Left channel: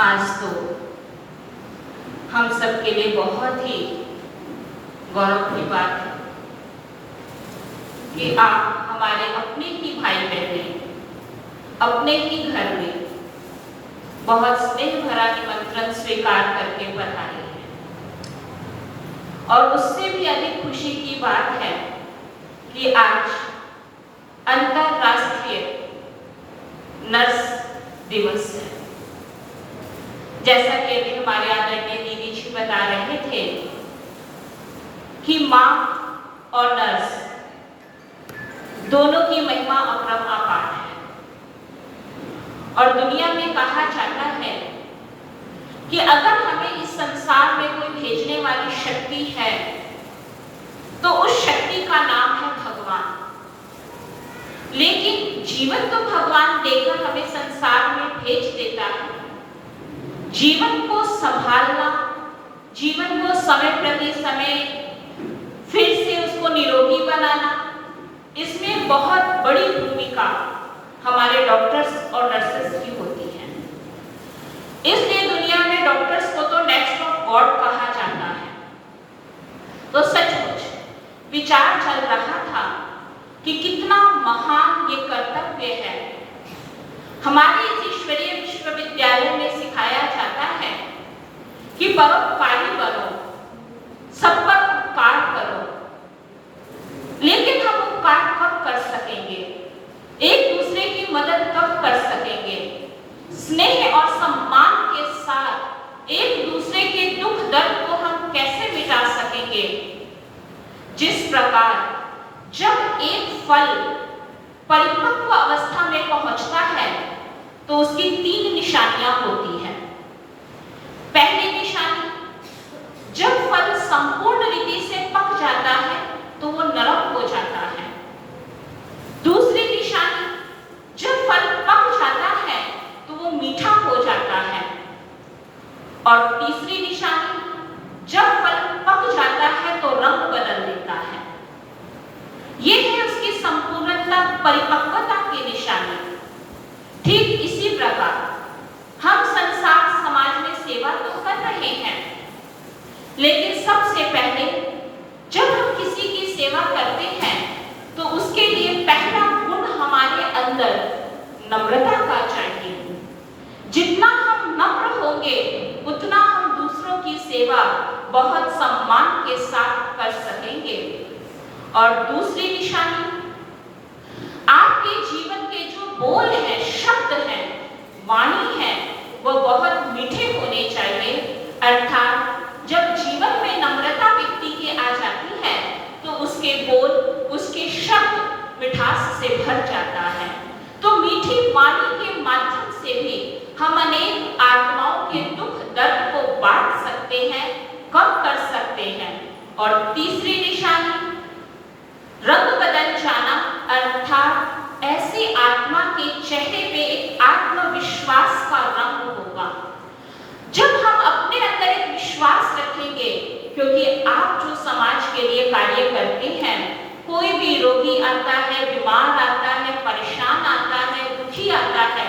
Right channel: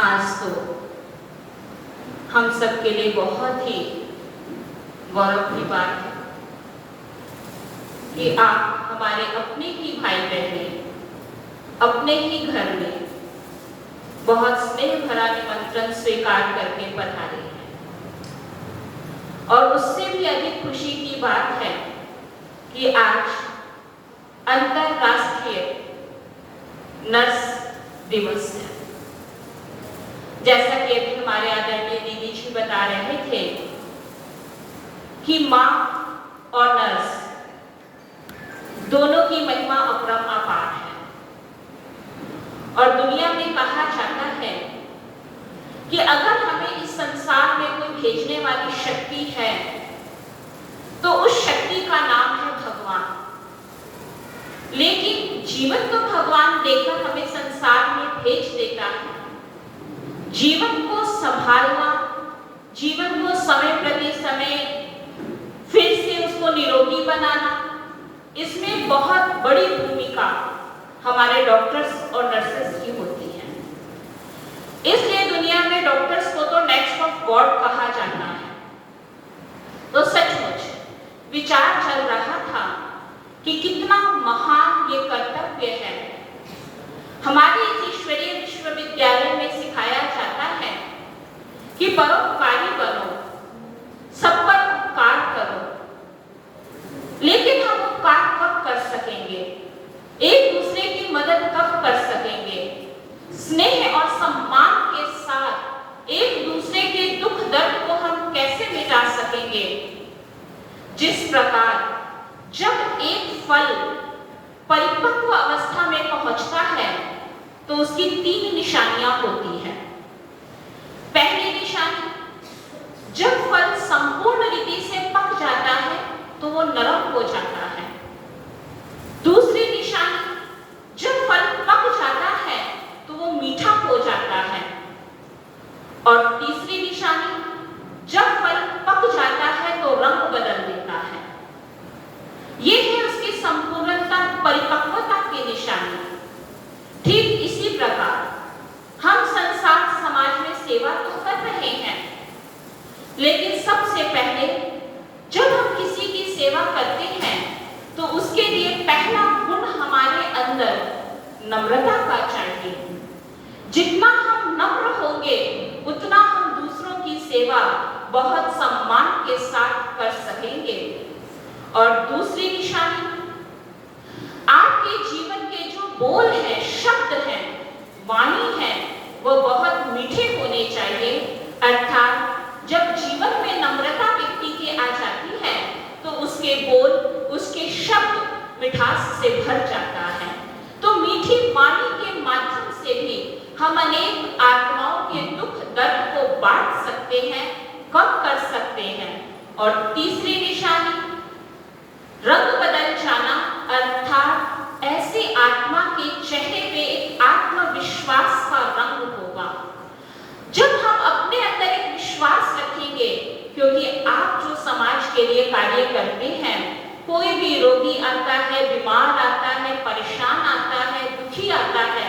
आज तो हम सब के लिए बहुत ही गौरव की बात है कि आप हमारे अपने ही भाई बहने अपने ही घर में बहुत स्नेह भरा निमंत्रण स्वीकार करके पधारे हैं। और उससे भी अधिक खुशी की बात है कि आज अंतरराष्ट्रीय नर्स दिवस है। जैसा कि अभी हमारे आदरणीय दीदी जी बता रहे थे कि माँ और नर्स दोनों की महिमा अपरंपार है और दुनिया में कहा जाता है कि अगर हमें इस संसार में कोई भेजने वाली शक्ति है तो उस शक्ति का नाम है भगवान। लेकिन जीवन तो भगवान देकर हमें संसार में भेज देता है। जीवन को संभालना, जीवन को समय प्रति समय फिर से उसको निरोगी बनाना, इसमें बहुत बड़ी भूमिका हमारे डॉक्टर्स और नर्सेस की होती है। इसलिए दुनिया में डॉक्टर्स को तो नेक्स्ट ऑफ गॉड कहा जाता है। तो सचमुच विचार चल रहा था कि कितना महान ये कर्तव्य है। हमारे इस ईश्वरीय विश्वविद्यालय में सिखाया जाता है कि परोपकारी बनो, सब पर उपकार करो। लेकिन हम उपकार कब कर सकेंगे? एक दूसरे की मदद कब कर सकेंगे? स्नेह और सम्मान के साथ एक दूसरे के दुख दर्द को हम कैसे मिटा सकेंगे? जिस प्रकार जब एक फल परिपक्व अवस्था में पहुंचता है तो उसकी 3 निशानियां होती हैं। पहली निशानी, जब फल संपूर्ण रीति से पक जाता है तो वो नरम हो जाता है। दूसरी निशानी, जब फल पक जाता है तो वो मीठा हो जाता है। और तीसरी निशानी, जब फल पक जाता है तो रंग बदल देता है। ये है उसकी संपूर्णता, परिपक्वता की निशानी। ठीक इसी प्रकार हम संसार समाज में सेवा तो कर रहे हैं, लेकिन सबसे पहले जब हम किसी की सेवा करते हैं तो उसके लिए पहला गुण हमारे अंदर नम्रता का चाहिए। जितना हम नम्र होंगे उतना हम दूसरों की सेवा बहुत सम्मान के साथ कर सकेंगे। और दूसरी निशानी, आपके जीवन के जो बोल हैं, शब्द हैं, वाणी है, वो बहुत मीठे होने चाहिए। अर्थात जब जीवन में नम्रता व्यक्ति की आ जाती है तो उसके बोल, उसके शब्द मिठास से भर जाता है। तो मीठी वाणी के माध्यम से भी हम अनेक आत्माओं के दुख दर्द को बांट सकते हैं, कम कर सकते हैं। और तीसरी निशानी, रंग बदल जाना, अर्थात ऐसे आत्मा के चेहरे पे एक आत्मविश्वास का रंग होगा। जब हम अपने अंदर एक विश्वास रखेंगे, क्योंकि आप जो समाज के लिए कार्य करते हैं, कोई भी रोगी आता है, बीमार आता है, परेशान आता है, दुखी आता है,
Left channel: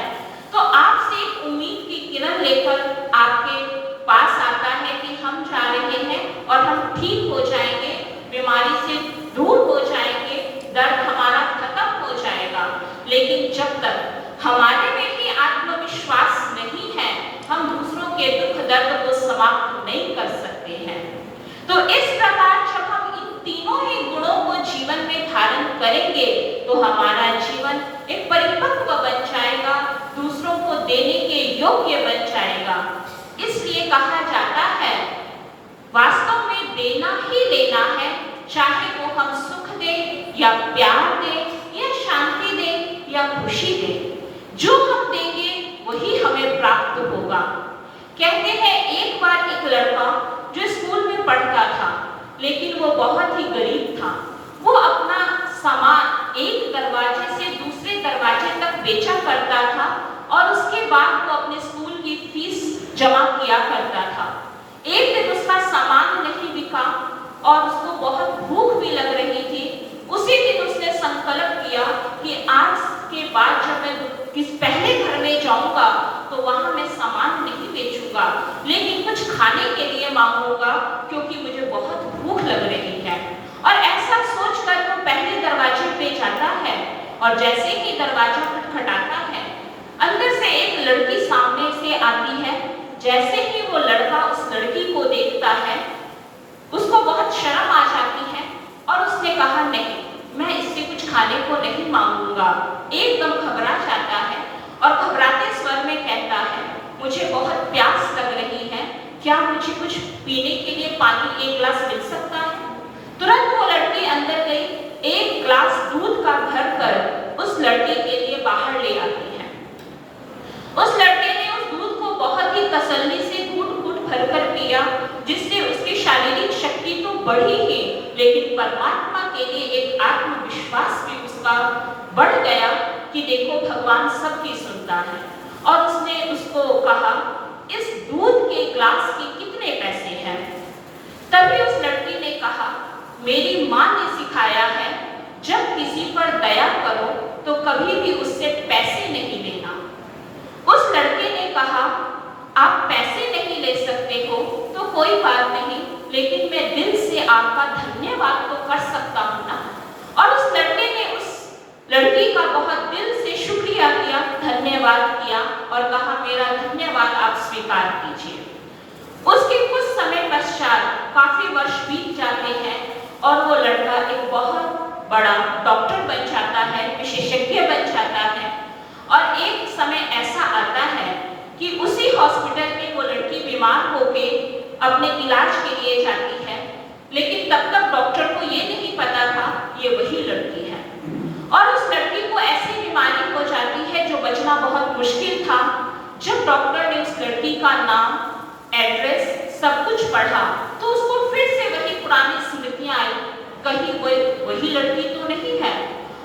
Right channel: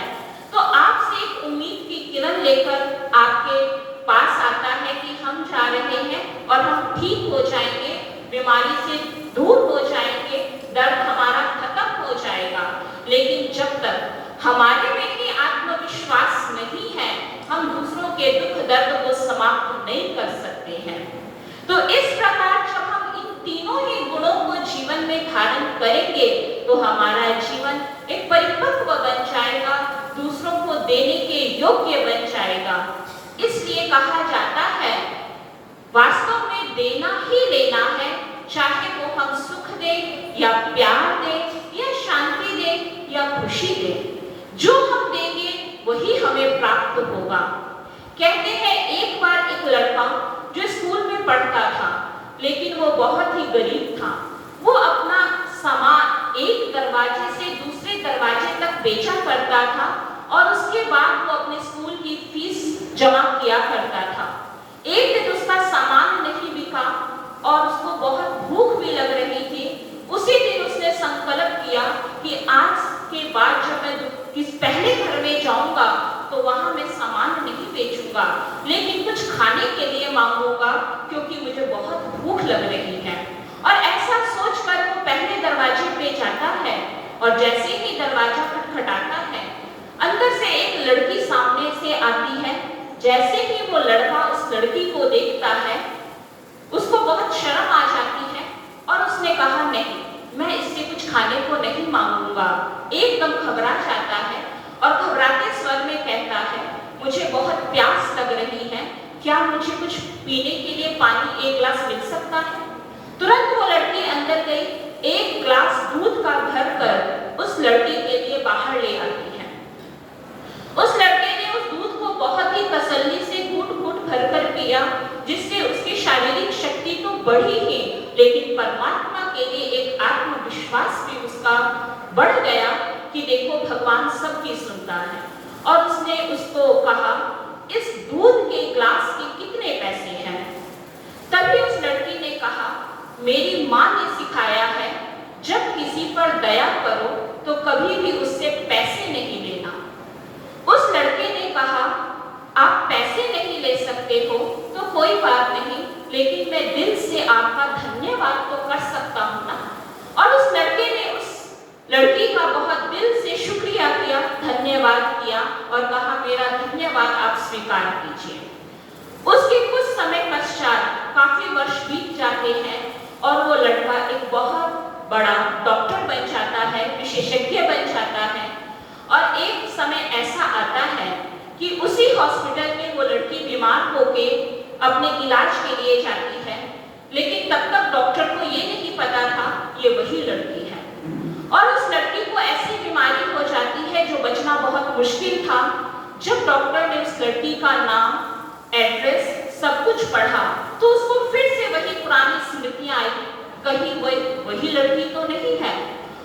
तो आपसे एक उम्मीद की किरण लेकर आपके पास आता है कि हम जा रहे हैं और हम ठीक हो जाएंगे, बीमारी से दूर हो जाएंगे, दर्द हमारा खत्म हो जाएगा। लेकिन जब तक हमारे में ही आत्मविश्वास नहीं है, हम दूसरों के दुख दर्द को समाप्त नहीं कर सकते हैं। तो इस प्रकार जब हम इन तीनों ही गुणों को जीवन में धारण करेंगे तो हमारा जीवन एक परिपक्व बन जाएगा, दूसरों को देने के योग्य बन जाएगा। इसलिए कहा जाता है, वास्तव में देना ही लेना है, चाहे वो हम सुख दें या प्यार दें या शांति दें या खुशी दें। जो हम देंगे वही हमें प्राप्त होगा। कहते हैं एक बार एक लड़का जो स्कूल में पढ़ता था, लेकिन वो बहुत ही गरीब था। वो अपना सामान एक दरवाजे से दूसरे दरवाजे तक बेचा करता था और उसके बाद वो अपने स्कूल की फीस जमा किया करता था। एक दिन उसका सामान नहीं बिका और उसको बहुत भूख भी लग रही थी। उसी दिन उसने संकल्प किया कि आज के बाद जब मैं किस पहले घर में जाऊंगा तो वहां मैं सामान नहीं बेचूंगा, लेकिन कुछ खाने के लिए मांगूंगा क्योंकि मुझे बहुत भूख लग रही है। और ऐसा सोचकर वो पहले दरवाजे पे जाता है और जैसे ही दरवाजा खटखटाता है, अंदर से एक लड़की सामने से आती है। जैसे ही वो लड़का उस लड़की को देखता है, उसको बहुत शर्म आ जाती है और उसने कहा, नहीं, मैं इससे कुछ खाने को नहीं मांगूंगा। एकदम घबरा जाता है और घबराते स्वर में कहता है, मुझे बहुत प्यास लग रही है, क्या मुझे कुछ पीने के लिए पानी एक गिलास मिल सकता है? तुरंत वो लड़की अंदर गई, एक गिलास दूध का भरकर उस लड़की के लिए बाहर ले आती है। उस लड़के ने उस दूध को बहुत ही तसल्ली से घूंट-घूंट भरकर पिया, जिससे उसकी शारीरिक शक्ति तो बढ़ी ही, लेकिन परमात्मा के लिए एक आत्मविश्वास भी उसका बढ़ गया कि देखो भगवान सबकी सुनता है। और उसने उसको कहा, इस दूध के ग्लास के कितने पैसे हैं? तभी उस लड़की ने कहा, मेरी माँ ने सिखाया है, जब किसी पर दया करो तो कभी भी उससे पैसे नहीं लेना। उस लड़के ने कहा, आप पैसे नहीं ले सकते हो तो कोई बात नहीं, लेकिन मैं दिल से आपका धन्यवाद तो कर सकता हूँ ना। और उस लड़के ने उस लड़की का बहुत दिल से शुक्रिया किया, धन्यवाद किया और कहा, मेरा धन्यवाद आप स्वीकार कीजिए। उसके कुछ समय पश्चात काफी वर्ष बीत जाते हैं और वो लड़का एक बहुत बड़ा डॉक्टर बन जाता है, विशेषज्ञ बन जाता है। और एक समय ऐसा आता है कि उसी हॉस्पिटल में वो लड़की बीमार होके अपने इलाज के लिए जाती है, लेकिन तब तक डॉक्टर को ये नहीं पता था ये वही लड़की है। और उस लड़की को ऐसी बीमारी हो जाती है जो बचना बहुत मुश्किल था। जब डॉक्टर ने उस लड़की का नाम, एड्रेस, सब कुछ पढ़ा तो उसको फिर से वही पुरानी स्मृतियां आई, कहीं वही लड़की तो नहीं है।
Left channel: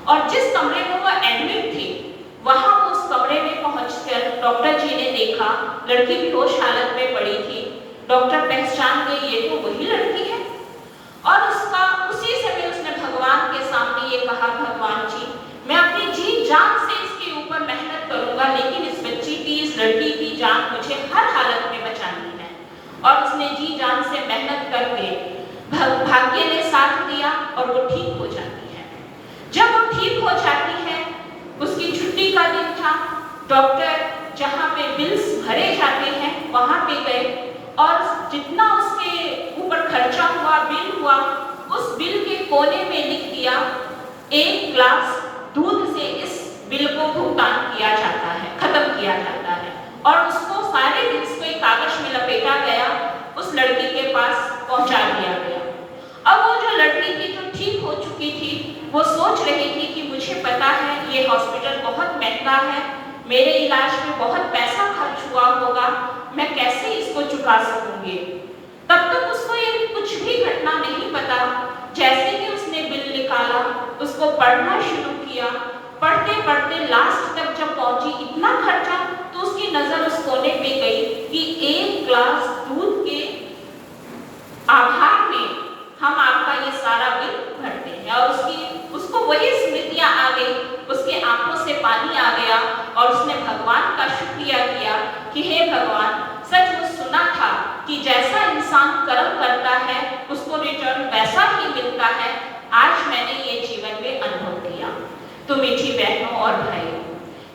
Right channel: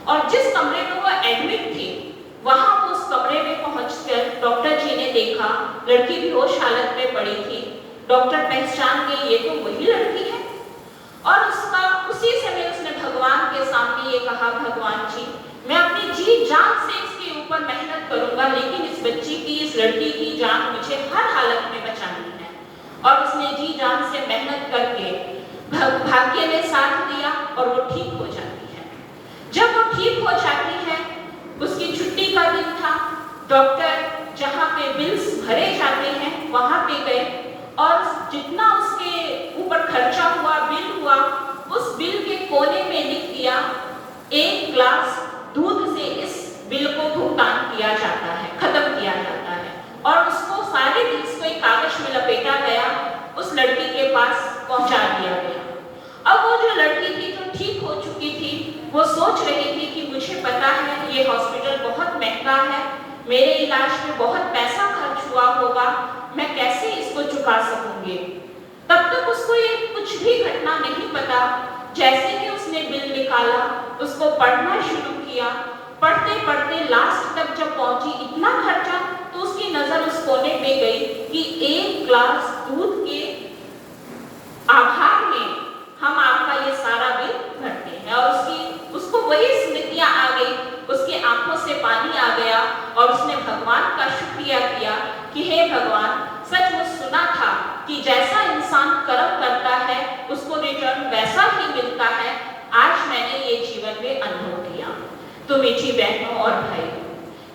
और जिस कमरे में वो एडमिट थी, वहां वो उस कमरे में पहुंचकर डॉक्टर जी ने देखा लड़की बेहोश हालत में पड़ी थी। डॉक्टर पहचान गए, ये तो वही लड़की है। और उसी समय उसने भगवान के सामने ये कहा, भगवान जी, मैं अपनी जी जान से इसके ऊपर मेहनत करूंगा, लेकिन इस बच्ची की, इस लड़की की जान मुझे हर हालत में बचानी है। और उसने जी जान से मेहनत करके भाग्य ने साथ दिया और वो ठीक हो जाती है। जब वो ठीक हो जाती है, उसकी छुट्टी का दिन था। डॉक्टर जहाँ पे बिल्स भरे जाते हैं वहां पे गए और जितना उसके ऊपर खर्चा हुआ, बिल हुआ, उस बिल के कोने में लिख दिया, एक ग्लास दूध से इस बिल को भुगतान किया जाता है, खत्म किया जाता है। और उसको सारे बिल्स को एक कागज में लपेटा गया, उस लड़की के पास पहुंचा दिया गया। अब वो जो लड़की थी जो ठीक हो चुकी थी, वो सोच रही थी कि मुझे पता है ये हॉस्पिटल बहुत महंगा है, मेरे इलाज में बहुत पैसा खर्च हुआ होगा, मैं कैसे इसको चुका सकूंगी। तब तक उसको ये कुछ भी घटना नहीं पता। जैसे ही उसने बिल निकाला, उसको पढ़ना शुरू किया, पढ़ते पढ़ते लास्ट तक जब पहुंची, इतना खर्चा, तो उसकी नजर उस कोने पे गई कि एक ग्लास दूध के आभार में हम आपका ये सारा बिल भरते हैं। और उसको वही स्मृतियां आ गई, उसके आंखों से पानी आ गया और उसने भगवान का शुक्रिया किया कि हे भगवान, सचमुच सुना था कि जैसा इंसान कर्म करता है उसको रिटर्न वैसा ही मिलता है। आज मैंने ये जीवन में अनुभव किया। तो मीठी बहनों और भाइयों,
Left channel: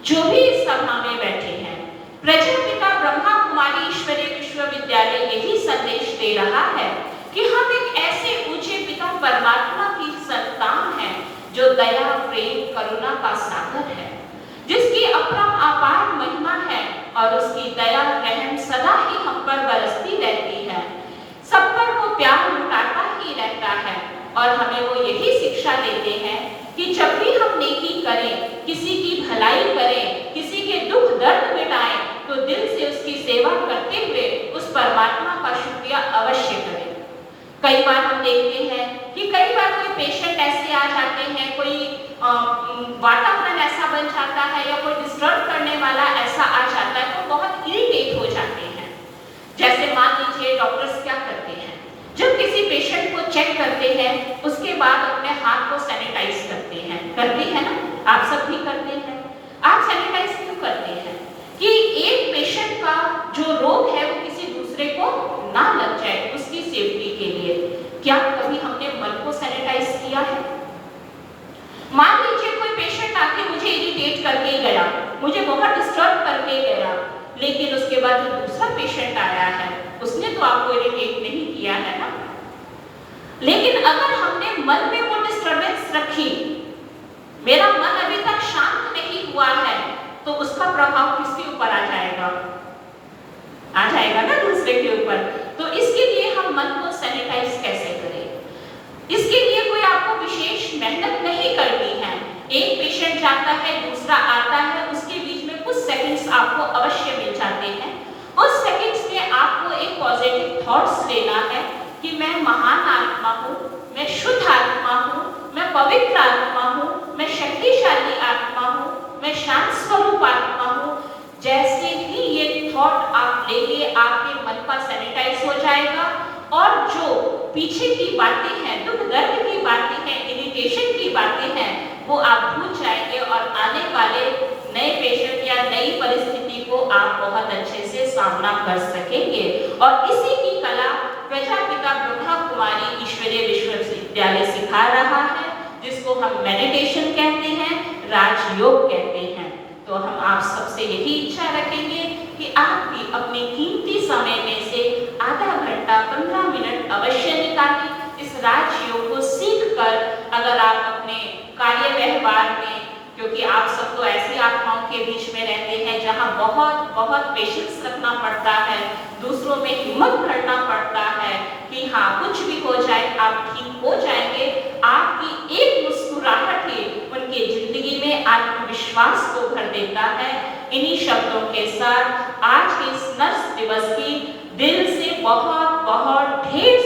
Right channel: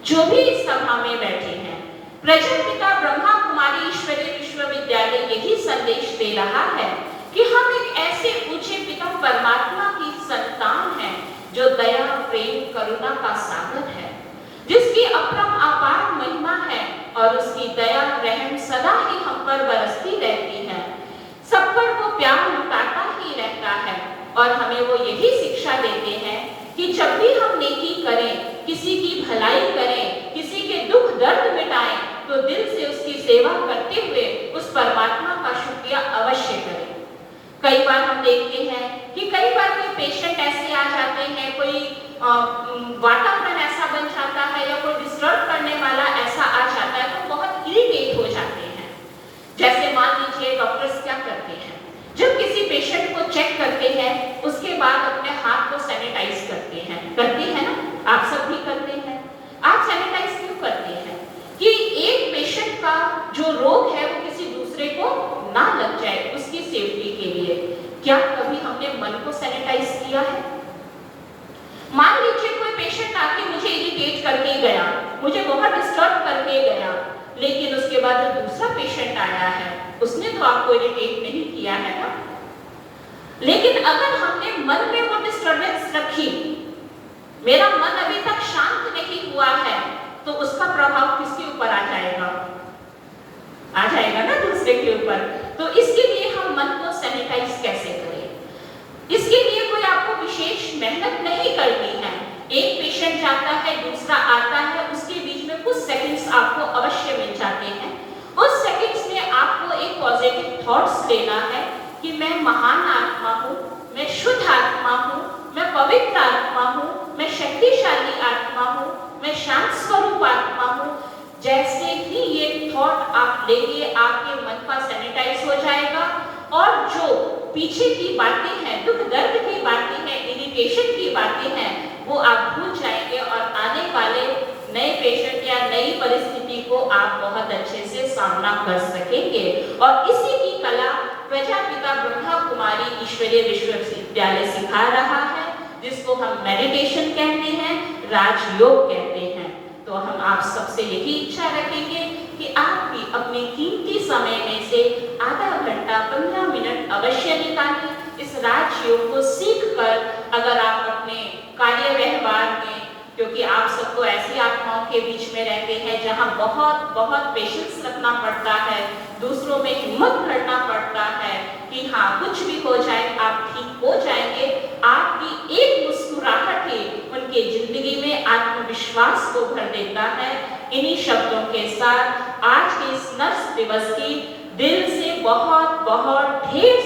जो भी इस सभा में बैठे हैं, प्रजापिता ब्रह्मा कुमारी ईश्वरीय विश्वविद्यालय यही संदेश दे रहा है कि हम एक ऐसे ऊंचे पिता परमात्मा की संतान हैं जो दया, प्रेम, करुणा का सागर है, जिसकी अपरम अपार महिमा है और उसकी दया, रहम सदा ही हम पर बरसती रहती है। सब पर वो प्यार लुटाता ही रहता है और हमें वो यही शिक्षा देते हैं कि जब भी हम नेकी करें, किसी की भलाई करें, किसी के दुख दर्द मिटाएं, तो दिल से उसकी सेवा करते हुए उस परमात्मा का शुक्रिया अवश्य करें। कई बार हम देखते हैं कि कई बार कोई पेशेंट ऐसे आ जाते हैं, कोई वातावरण ऐसा बन जाता है या कोई डिस्टर्ब करने वाला ऐसा आ जाता है, तो बहुत इरिटेट हो जाते हैं। जैसे मान लीजिए डॉक्टर्स क्या करते हैं, जब किसी पेशेंट को चेक करते हैं उसके बाद अपने हाथ को सैनिटाइज करते हैं ना, आप सब भी करते हैं। आप सैनिटाइज क्यों करते हैं? कि एक पेशेंट का जो रोग है को ना लग जाए, उसकी सेफ्टी के लिए। क्या कभी हमने मन को सैनिटाइज किया है? मान लीजिए कोई पेशेंट आके मुझे इरिटेट करके गया, मुझे बहुत डिस्टर्ब करके गया, लेकिन उसके बाद जो दूसरा पेशेंट आया है उसने तो आपको इरिटेट नहीं किया है ना। लेकिन अगर हमने मन में वो डिस्टर्बेंस रखी, मेरा मन अभी तक शांत नहीं हुआ है, तो उसका प्रभाव किसके ऊपर आ जाएगा? आ जाएगा ना दूसरे के ऊपर। तो इसके लिए हम मन को सैनिटाइज कैसे करें? इसके लिए कोई आपको विशेष मेहनत नहीं करनी है। एक पेशेंट जाता है, दूसरा आता है, उसके बीच में कुछ सेकंड्स आपको अवश्य मिल जाते हैं। उस सेकंड्स में आपको एक पॉजिटिव थॉट्स लेना है कि मैं महान आत्मा हूँ, मैं शुद्ध आत्मा हूँ, मैं पवित्र आत्मा हूँ, मैं शक्तिशाली आत्मा हूँ, मैं शांत स्वरूप आत्मा हूँ। जैसे ही ये थॉट आप लेंगे, आपके मन का सैनिटाइज हो जाएगा और जो पीछे की बातें हैं, दुख दर्द की बातें हैं, इरिटेशन की बातें हैं, वो आप भूल जाएंगे और आने वाले नए पेशेंट या नई परिस्थिति को आप बहुत अच्छे से सामना कर सकेंगे। और इसी की कला प्रजापिता ब्रह्मा कुमारी ईश्वरीय विश्वविद्यालय सिखा रहा है, जिसको हम मेडिटेशन कहते हैं, राजयोग कहते हैं। तो हम आप सबसे यही इच्छा रखेंगे कि आप भी अपने कीमती समय में से आधा घंटा 15 मिनट अवश्य निकालें। इस राजयोग को सीख कर अगर आप अपने कार्य व्यवहार में, क्योंकि आप सब तो ऐसी आत्माओं के बीच में रहते हैं जहां बहुत बहुत पेशेंस रखना पड़ता है, दूसरों में हिम्मत करना पड़ता है कि हाँ कुछ भी हो जाए आप ठीक हो जाएंगे। आपकी एक मुस्कुराहट ही उनके जिंदगी में आत्मविश्वास को भर देता है। इन्हीं शब्दों के साथ आज के इस नर्स दिवस की दिल से बहुत बहुत ढेर